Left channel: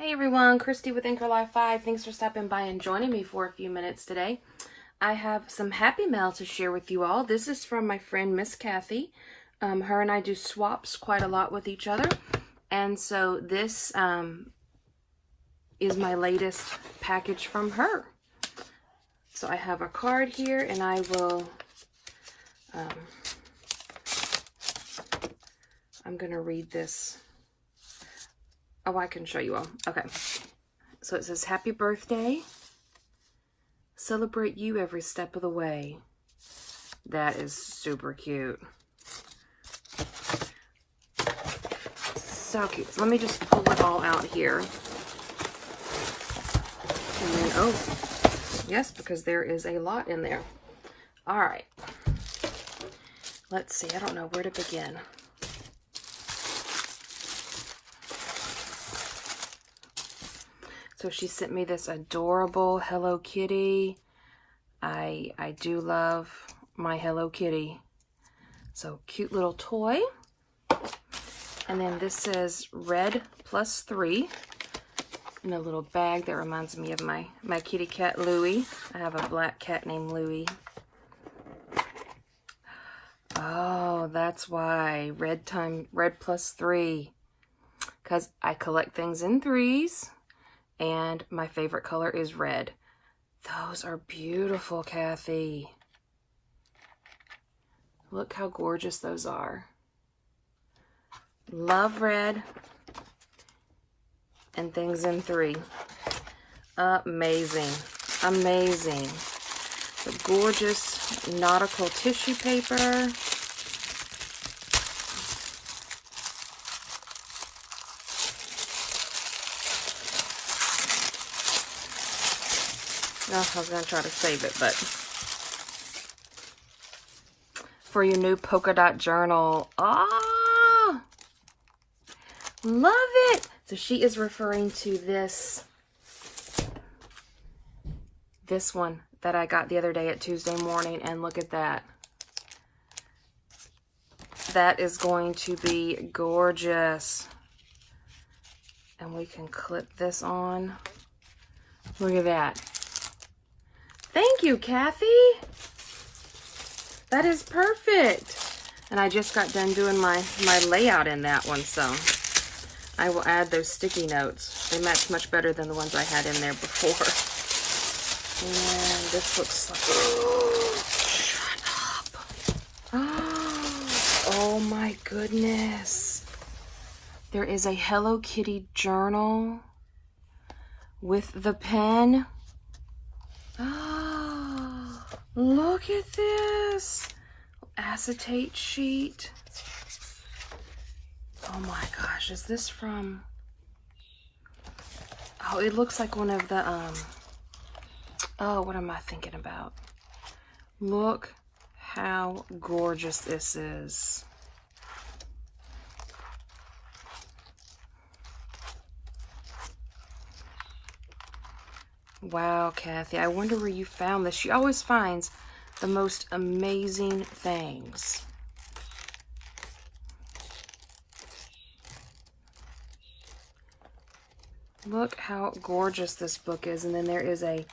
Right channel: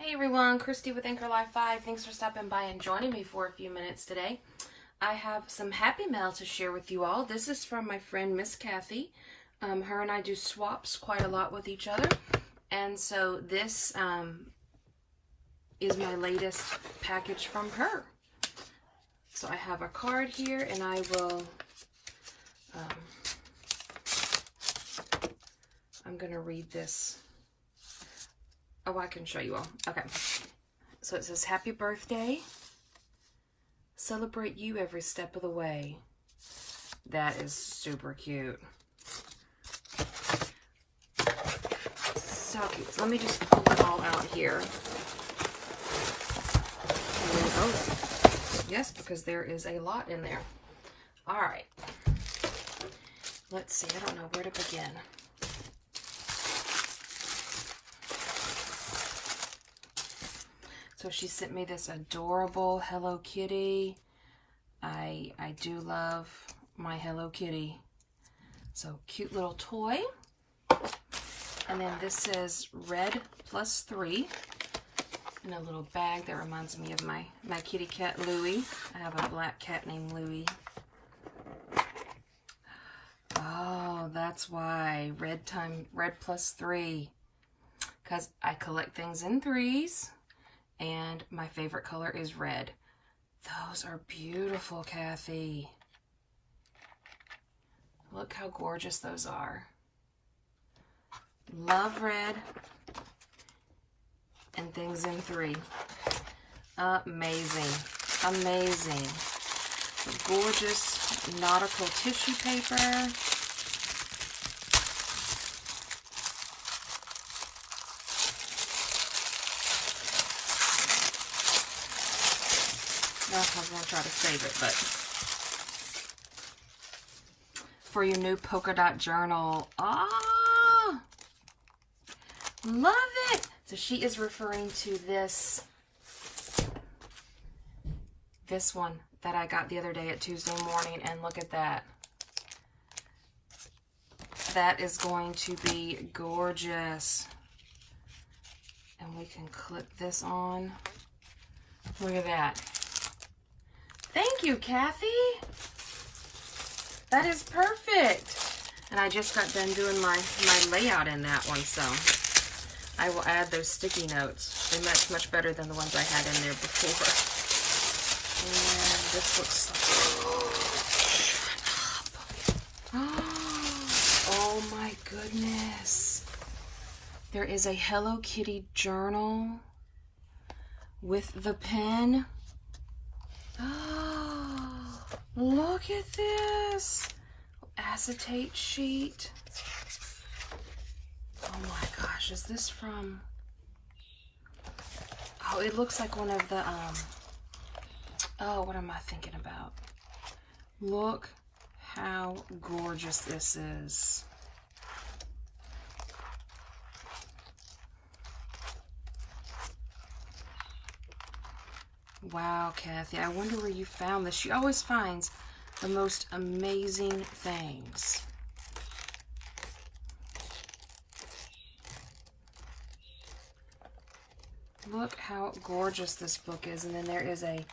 Hey everyone, Christy with Anchor Life 5. Thanks for stopping by and joining me for a few minutes today. I have some happy mail to share with you all. This is from my friend Miss Kathy. Her and I do swaps quite a lot with each other. And so this is my latest package from her. So I have a card here and I will, I'm going to read this. Oh, I can show you all. Okay. So it says, happy birthday. Celebrate you every step of the way. That is super cute. So cute. So let me just pull it all out here. And then, oh, yes, because there is a lot in there. All right. Let's see. I don't know where to begin. So she sent me this adorable Hello Kitty. I do love my Hello Kitty. So cute little toy. And then this says red +3 in a little bag that reminds me of my kitty cat Louie. I have a black cat named Louie. Oh, that's why red +3. Because I collect things in threes. And my favorite color is red. Those are beautiful, Kathy. Look how gorgeous those are. Love red and things in three. Amazing. Amazing. The gorgeous nautical tissue paper. I was going to try to save it, but for your new polka dot journal. Ah, love it. So she is referring to this one that I got the other day at Tuesday morning, and look at that. That is going to be gorgeous. And we can clip this on. Look at that. Thank you, Kathy. That is perfect. And I just got done doing my layout in that one, so I will add those sticky notes. They match much better than the ones I had in there before. And this looks so... Oh my goodness. There is a Hello Kitty journal with the pen. Oh, look at this acetate sheet. Oh my gosh, is this from, oh, it looks like one of the, oh, what am I thinking about? Look how gorgeous this is. Wow, Kathy, I wonder where you found this. She always finds the most amazing things. Look how gorgeous this book is. And then there is a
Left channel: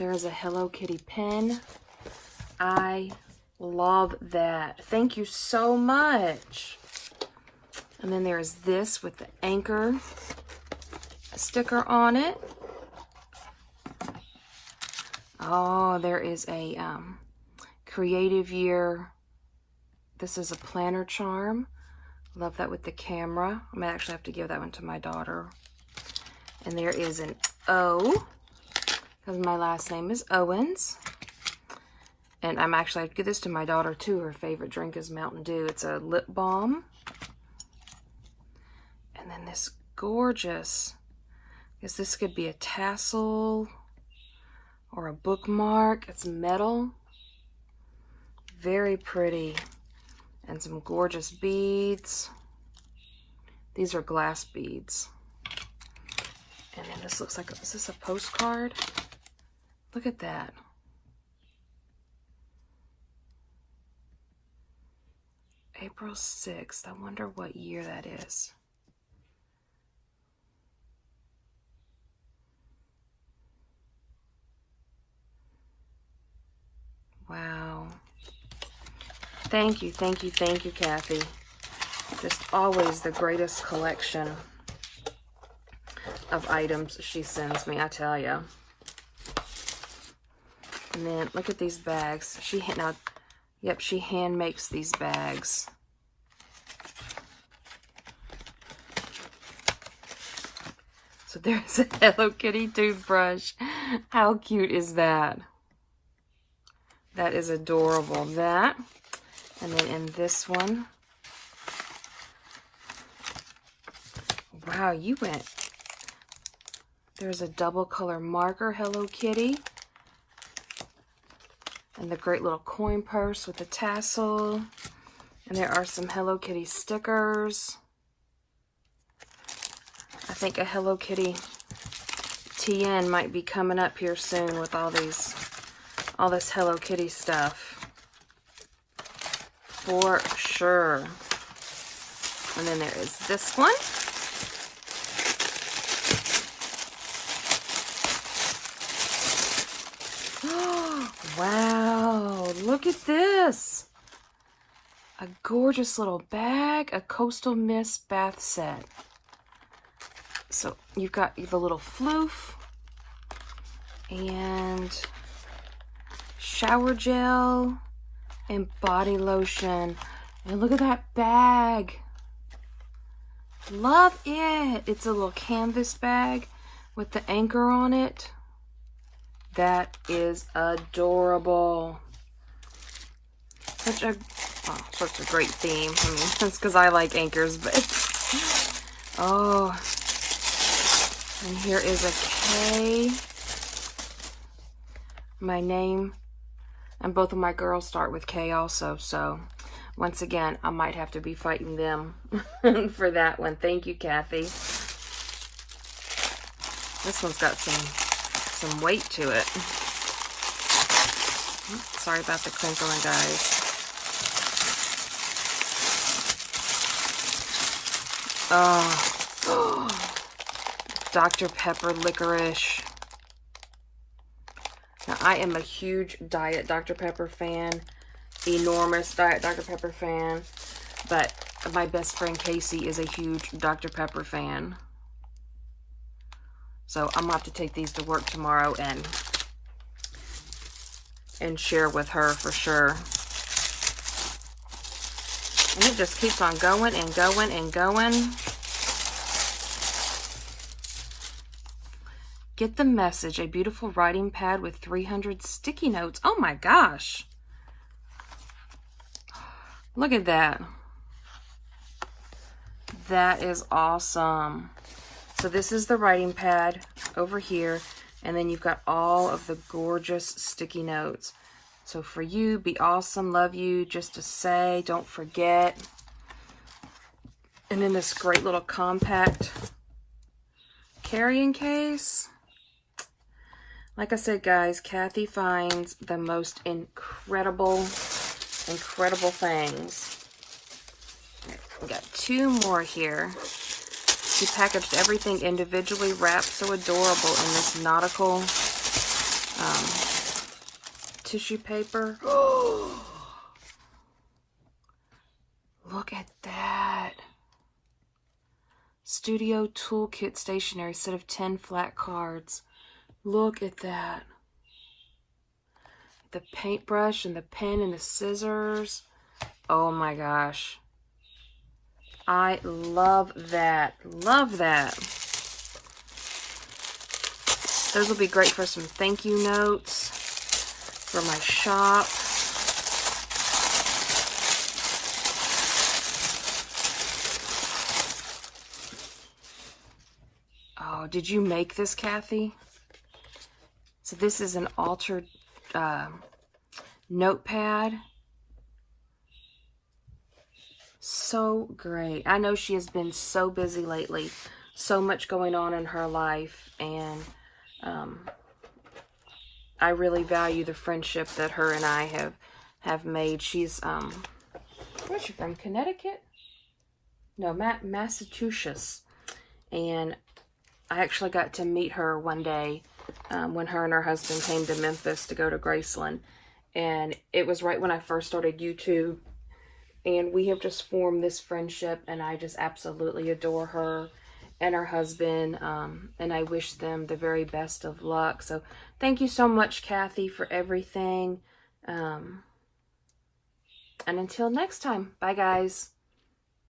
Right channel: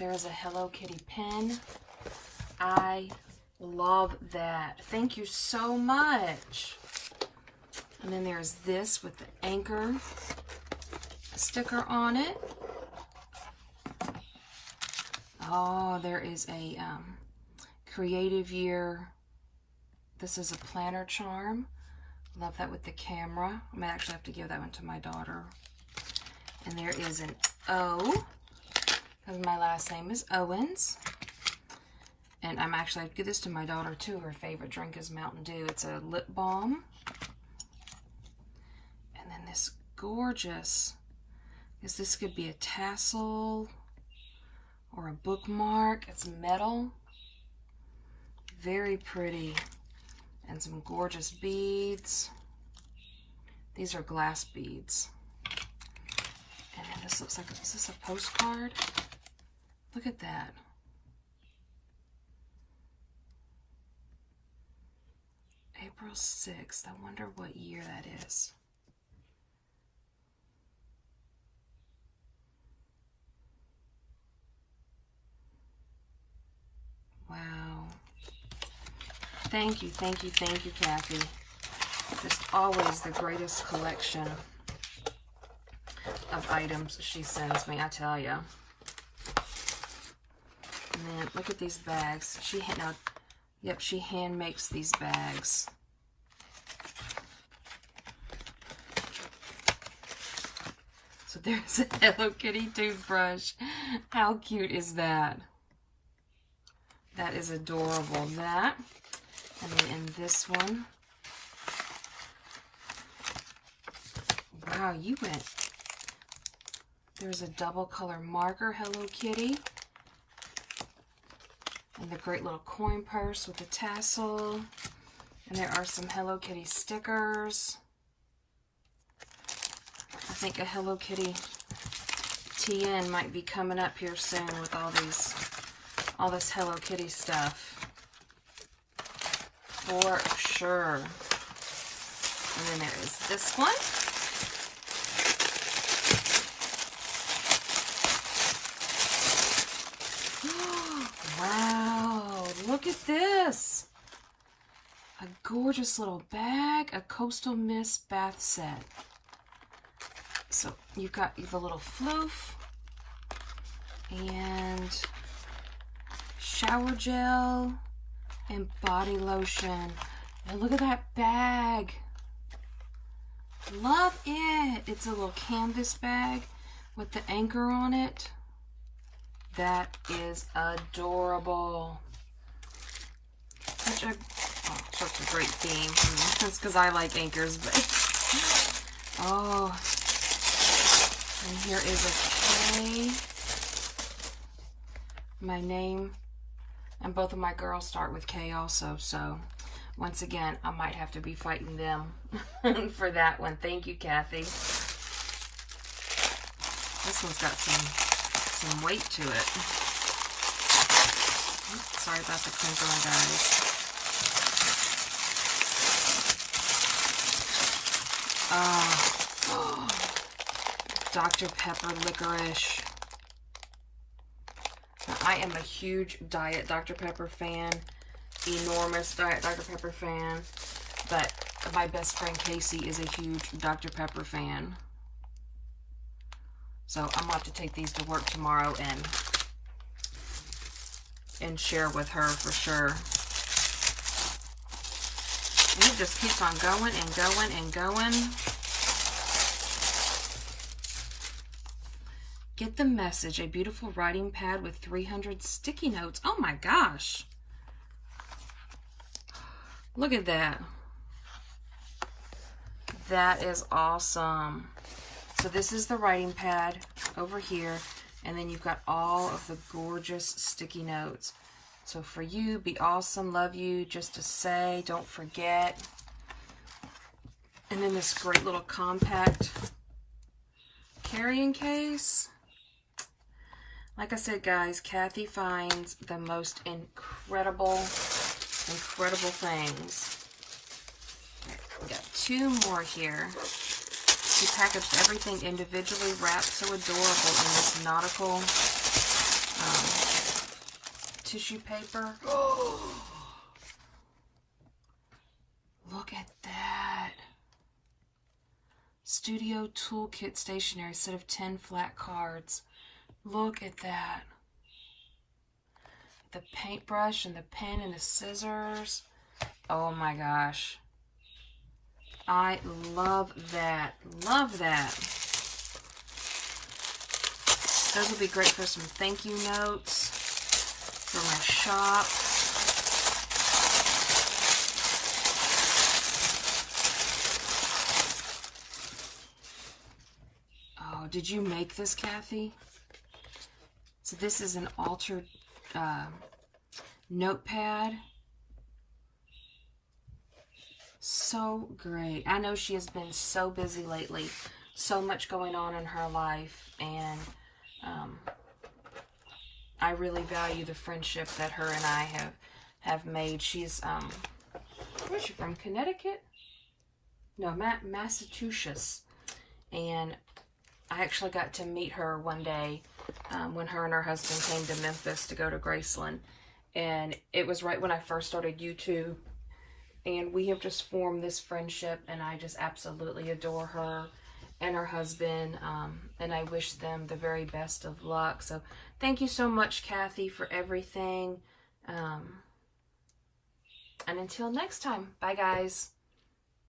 Hello Kitty pen. I love that. Thank you so much. And then there's this with the Anchor sticker on it. Oh, there is a Creative Year. This is a planner charm. Love that with the camera. I might actually have to give that one to my daughter. And there is an O, because my last name is Owens. And I'm actually, I give this to my daughter too. Her favorite drink is Mountain Dew. It's a lip balm. And then this gorgeous, I guess this could be a tassel or a bookmark. It's metal. Very pretty. And some gorgeous beads. These are glass beads. And then this looks like, is this a postcard? Look at that. April 6th. I wonder what year that is. Thank you, Kathy. Just always the greatest collection of items she sends me, I tell you. And then look at these bags. She hand makes these bags. So there's a Hello Kitty toothbrush. How cute is that? That is adorable. That. And then in this one. Wow, you went. There's a double color marker Hello Kitty. And the great little coin purse with the tassel. And there are some Hello Kitty stickers. I think a Hello Kitty TN might be coming up here soon with all this Hello Kitty stuff. For sure. And then there is this one. Wow, look at this. A gorgeous little bag, a Coastal Mist bath set. So you've got the little floof and shower gel and body lotion. And look at that bag. Love it. It's a little canvas bag with the anchor on it. That is adorable. Such a great theme. I mean, that's because I like anchors, but oh. And here is a K. My name and both of my girls start with K also. So once again, I might have to be fighting them for that one. Thank you, Kathy. This one's got some weight to it. Sorry about the crinkling, guys. Oh, Dr. Pepper licorice. Now, I am a huge Diet Dr. Pepper fan. Enormous Diet Dr. Pepper fan. But my best friend Casey is a huge Dr. Pepper fan. So I'm about to take these to work tomorrow and share with her for sure. And it just keeps on going and going and going. Get the Message, a beautiful writing pad with 300 sticky notes. Oh my gosh. Look at that. That is awesome. So this is the writing pad over here, and then you've got all of the gorgeous sticky notes. So for you, be awesome, love you, just to say, don't forget. And then this great little compact carrying case. Like I said, guys, Kathy finds the most incredible things. We got two more here. She packaged everything individually, wrapped so adorable in this nautical tissue paper. Look at that. Studio Toolkit stationery, set of 10 flat cards. Look at that. The paintbrush and the pen and the scissors. Oh my gosh. I love that. Love that. Those will be great for some thank you notes for my shop. Oh, did you make this, Kathy? So this is an altered notepad. So great. I know she has been so busy lately. So much going on in her life. And I really value the friendship that her and I have made. She's, where's she from? Connecticut? No, Massachusetts. And I actually got to meet her one day when her and her husband came to Memphis to go to Graceland. And it was right when I first started YouTube. And we have just formed this friendship, and I just absolutely adore her and her husband, and I wish them the very best of luck. So thank you so much, Kathy, for everything. And until next time, bye guys.